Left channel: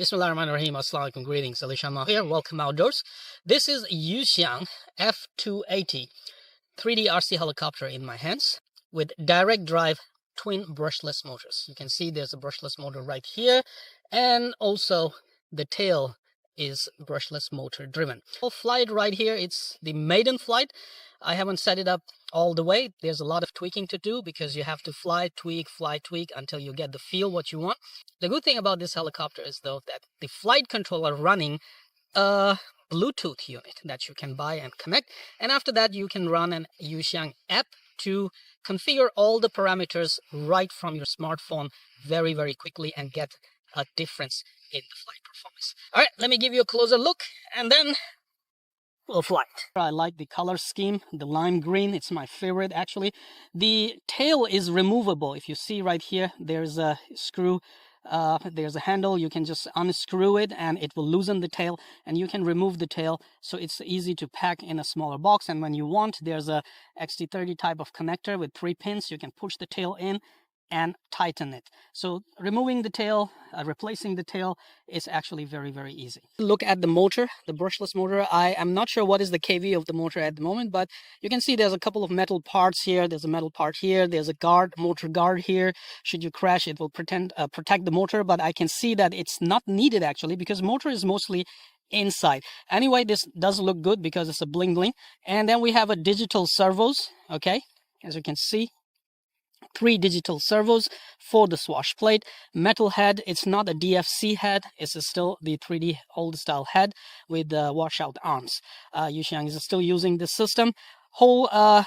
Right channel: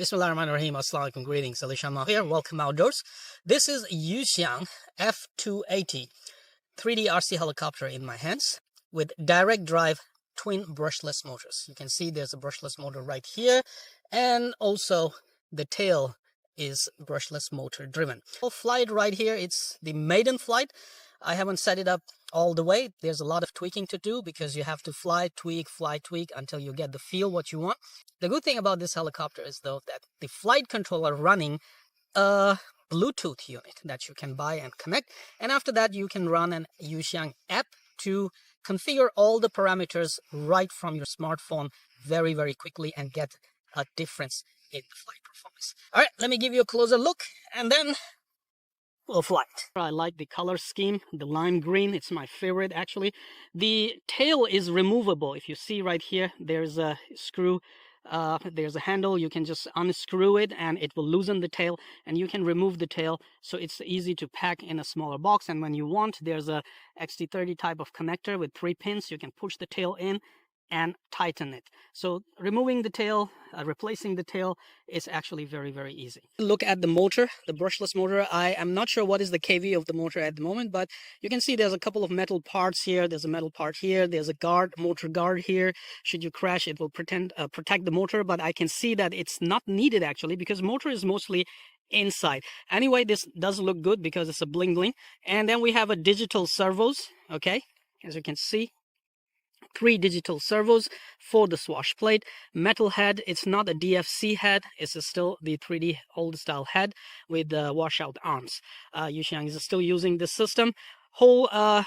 Bismillahirrahmanirrahim. Assalamu alaikum. Greetings. Yushiang here. Welcome outdoors. This is Yuxiang F280 3D RC helicopter in my hands with direct drive twin brushless motors. You can see there's a brushless motor right here, and also the tail is brushless motor driven. Flight right here, it's the Maiden flight. I haven't set it up all the way. There's a lot of tweaking to do because you have to fly, tweak until you get the feel what you want. The good thing about this helicopter is though that the flight controller running a Bluetooth unit that you can buy and connect, and after that you can run an Yuxiang app to configure all the parameters right from your smartphone very quickly and get a difference in the flight performance. All right, let me give you a closer look and then we'll fly. I like the color scheme, the lime green. It's my favorite actually. The tail is removable. If you see right here, there's a screw. There's a handle. You can just unscrew it and it will loosen the tail, and you can remove the tail, so it's easy to pack in a smaller box. And when you want, there's a XT30 type of connector with 3 pins. You can push the tail in and tighten it. So removing the tail, replacing the tail is actually very easy. Look at the motor, the brushless motor. I am not sure what is the kV of the motor at the moment, but you can see there's a couple of metal parts here. There's a metal part here. There's a guard, motor guard here. Should you crash, it will protect the motor, but I can see that it's not needed actually because motor is mostly inside. Anyway, this does look good because it's a bling bling. And then we have a digital servos, okay, as you can see. 3 digital servos for the swash plate. Metal head. It's not a DFC head. It's still the 3D old style head with washout arms. Yushiang is still using this system. Whole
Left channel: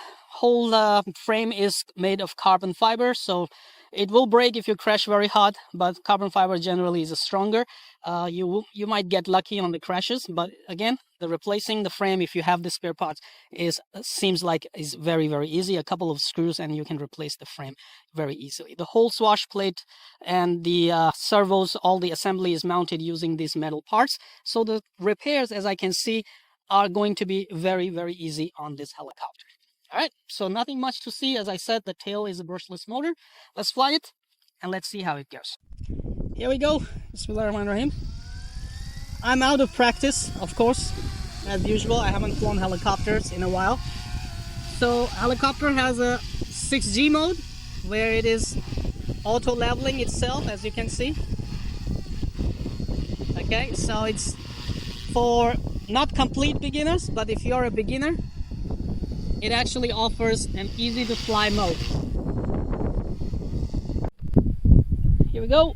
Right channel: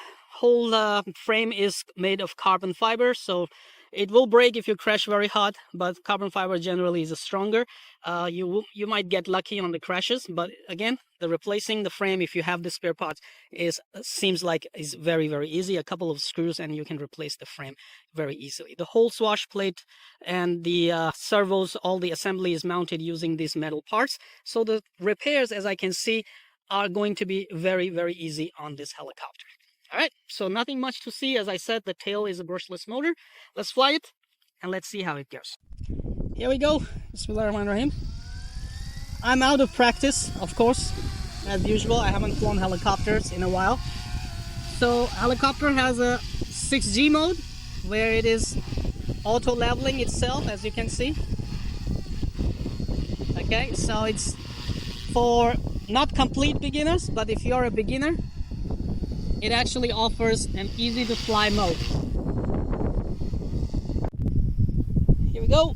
frame is made of carbon fiber, so it will break if you crash very hard, but carbon fiber generally is stronger. You might get lucky on the crashes, but again, the replacing the frame, if you have the spare parts, seems like is very easy. A couple of screws and you can replace the frame very easily. The whole swash plate and the servos, all the assembly is mounted using these metal parts. So the repairs, as I can see, are going to be very easy on this helicopter. All right, so nothing much to see. As I said, the tail is a brushless motor. Let's fly it and let's see how it goes. Here we go. Bismillahirrahmanirrahim. I'm out of practice, of course, as usual. I haven't flown helicopters in a while. So helicopter has a 6G mode where it is auto leveling itself, as you can see. Okay, so it's for not complete beginners, but if you're a beginner, it actually offers an easy to fly mode. Here we go.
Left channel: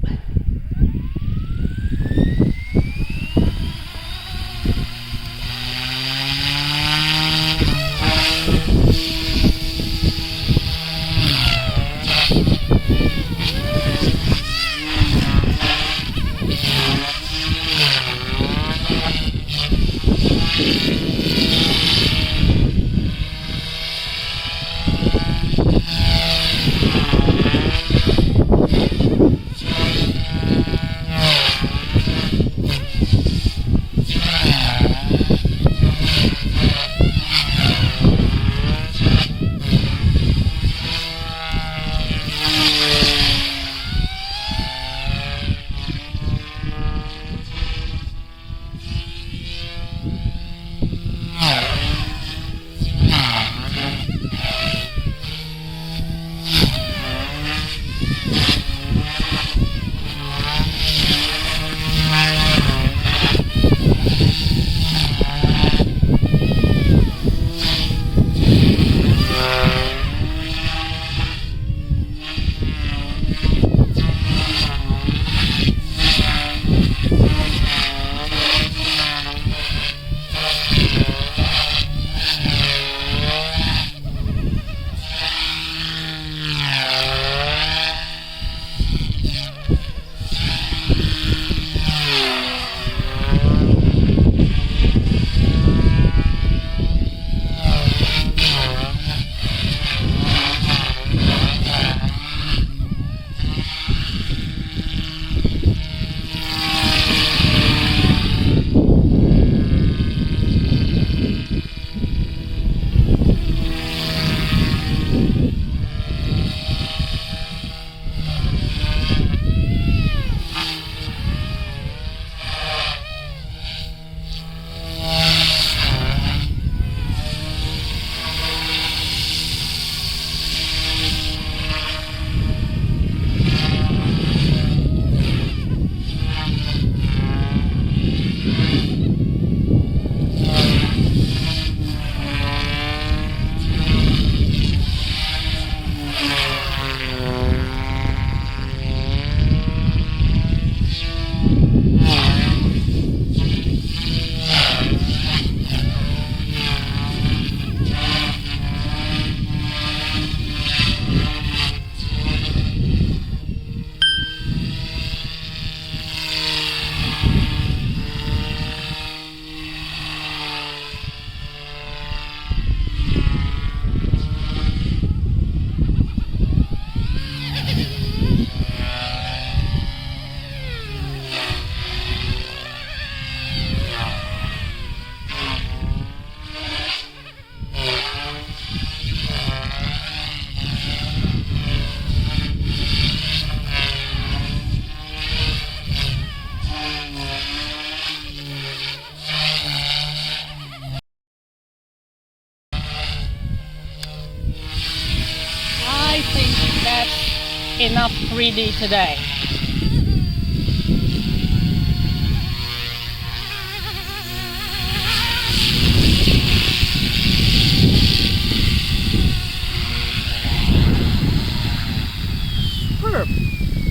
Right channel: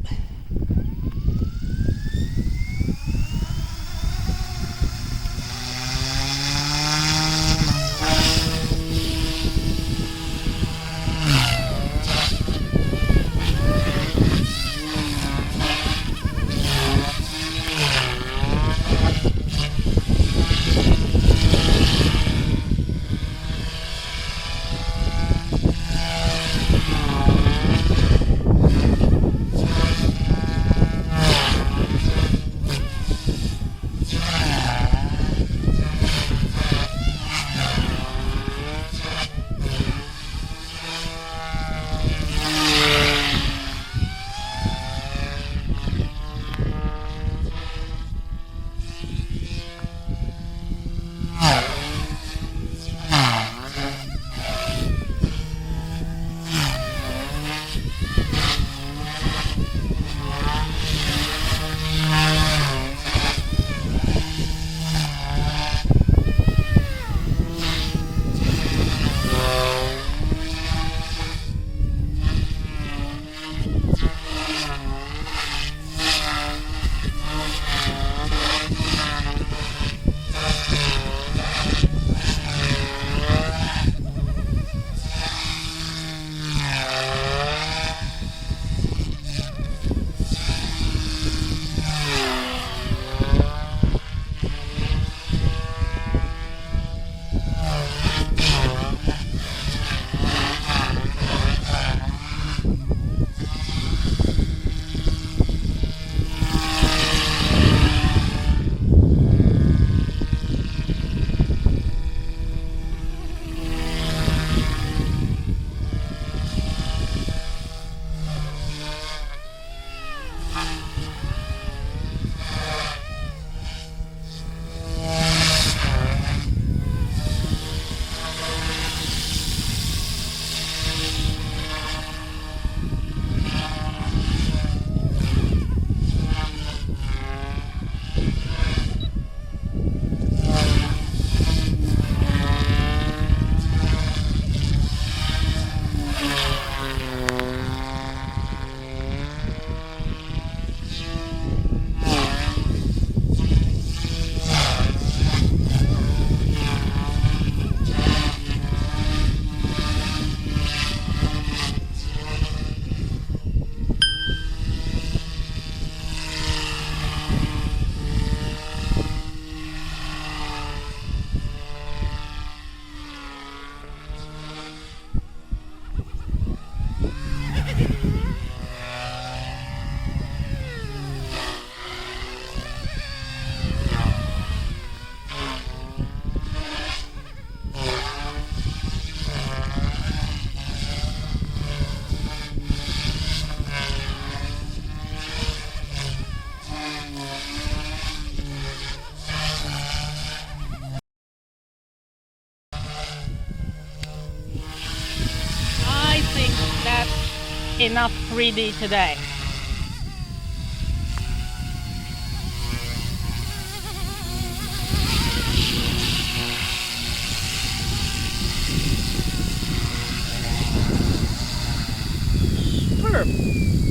enough 3D today.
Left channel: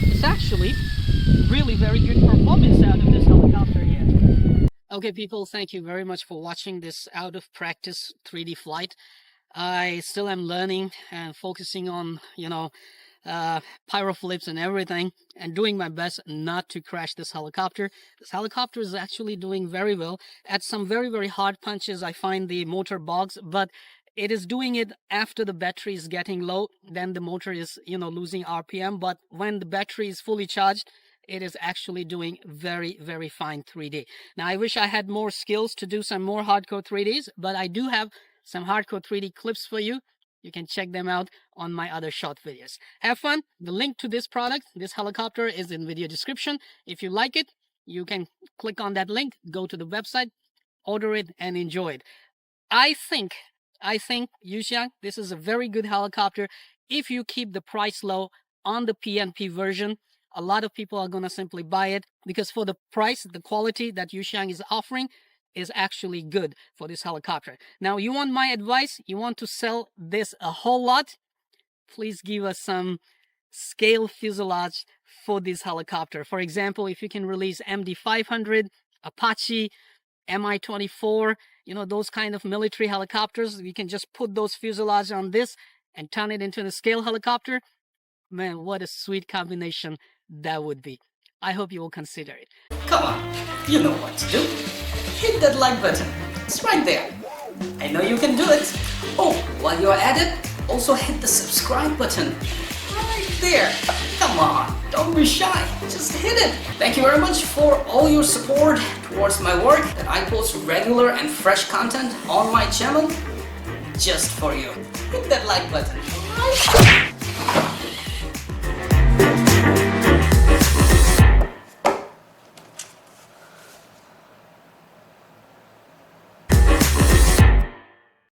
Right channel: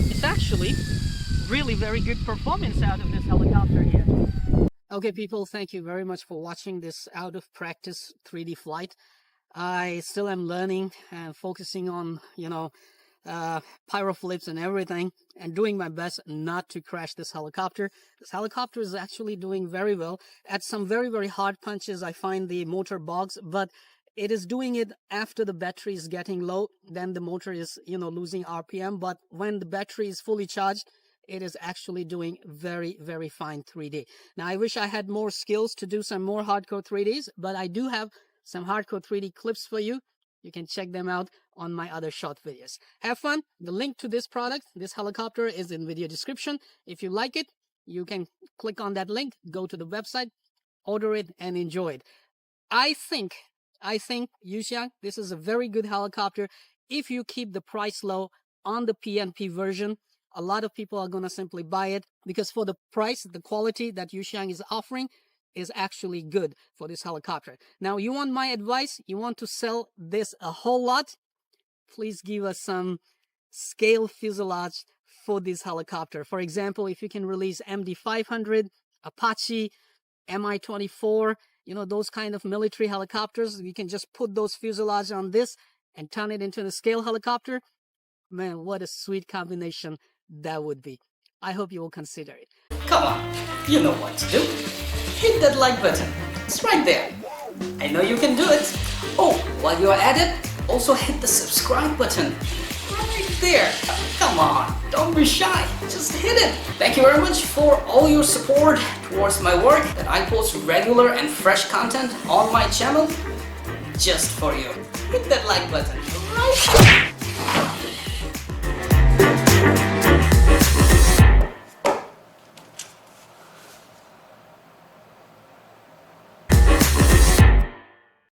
It's actually really very good performance out of this helicopter here. Okay people, thank you very much for watching this out of practice 3D flight. I still am learning and focusing on, pyro flips and everything, and doing my best not to crash this helicopter. This helicopter is actually doing very well. At some very, very hard punches, I find the motor bogs, but it is doing it after the battery is getting low. Then the motor is, losing RPM. But when the battery is fully charged, it is actually doing very, very fine 3D. Now, I wish I had more skills to do some more hardcore 3Ds, but I do have some hardcore 3D clips for you. You can check them out on my other short videos. Have fun. The link to this product, this helicopter, is in video description. If you like it, you can click on that link, go to the website, order it, and enjoy it. I think, Yushiang, this is a very good helicopter. If you keep the price low on the PNP version, a lot of people are going to simply buy it because for the price, the quality that Yushiang is offering is actually good for this helicopter. Now, you want my advice? You want to sell this a whole lot? Please give us some scale fuselage for this helicopter. For example, if you can release MD-500, Apache, Mi-24, those kind of military helicopters, you can just put those fuselage on this and turn it into a scale helicopter. Man, what a sweet combination that would be. I hope you will consider it. Come on, you know what to do. Hit that like button. It's right there. I know you can do it. Oh, while you're at it, also hit the subscribe button. Right there. Come on, don't be shy. Just hit it. Thank you very much for all your support towards my work, that I post regular and fresh content on my channel just for you. Hit that like button. Right?